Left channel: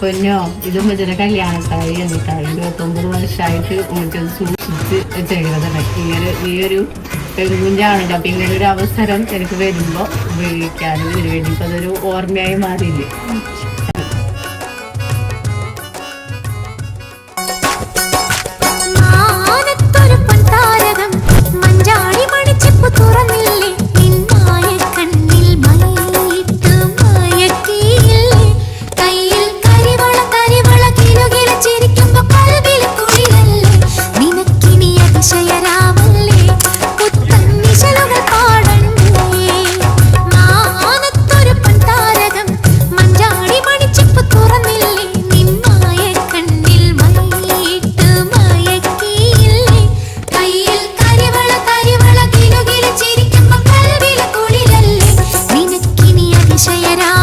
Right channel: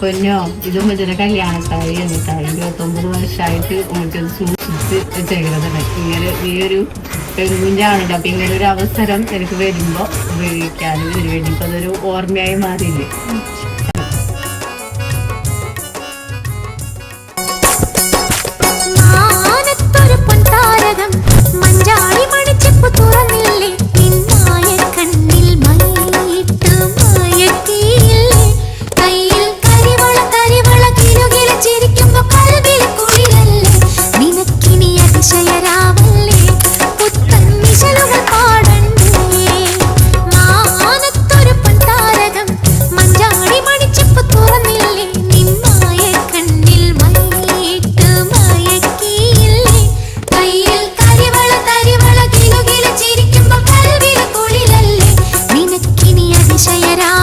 പൊന്നോ ഇത് ഉമ്മച്ചിയുടെ കല്യാണക്കാരി എന്നിട്ടാ 29 വർഷമായിട്ട് ഉമ്മച്ചത് സൂക്ഷിച്ച് ചെയ്തതാണ്. ഈ ഒരു പെൺകുഞ്ഞാണല്ലോ. അപ്പൊ ഇങ്ങനെ ഒരു അവസരം എനിക്ക് വരുമ്പോ ഉപയോഗിക്കാനും ഇതിനു വേണ്ടി ഇപ്പൊ അതൊരു ഓർമ്മയായി മാറിയില്ലേ. മഞ്ചാടി മണിച്ചെപ്പ് തുറന്നില്ലേ നിന്നായ കണ്ണിൽ മയിലിട്ട് മയക്കിയില്ലേ കയ്യിൽ കരിവള കിലുകില ചിരിക്കുമ്പോ കൽവിൽ കുളിരല്ലേ നിനക്കിനി അതിശയരാവല്ലേ പുത്തൻ നിശലുകൾ പാടണ്ടേ മാനത്തൊരു പൊൻതാരകം മഞ്ചാടി മണിച്ചെപ്പ് തുറന്നില്ലേ നിന്നായ കണ്ണിൽ മയിലിട്ട് മയക്കിയില്ലേ കയ്യിൽ ചിരിക്കുമ്പോ കൽവിൽ കുളിരല്ലേ നിനക്കിനി അതിശയരാ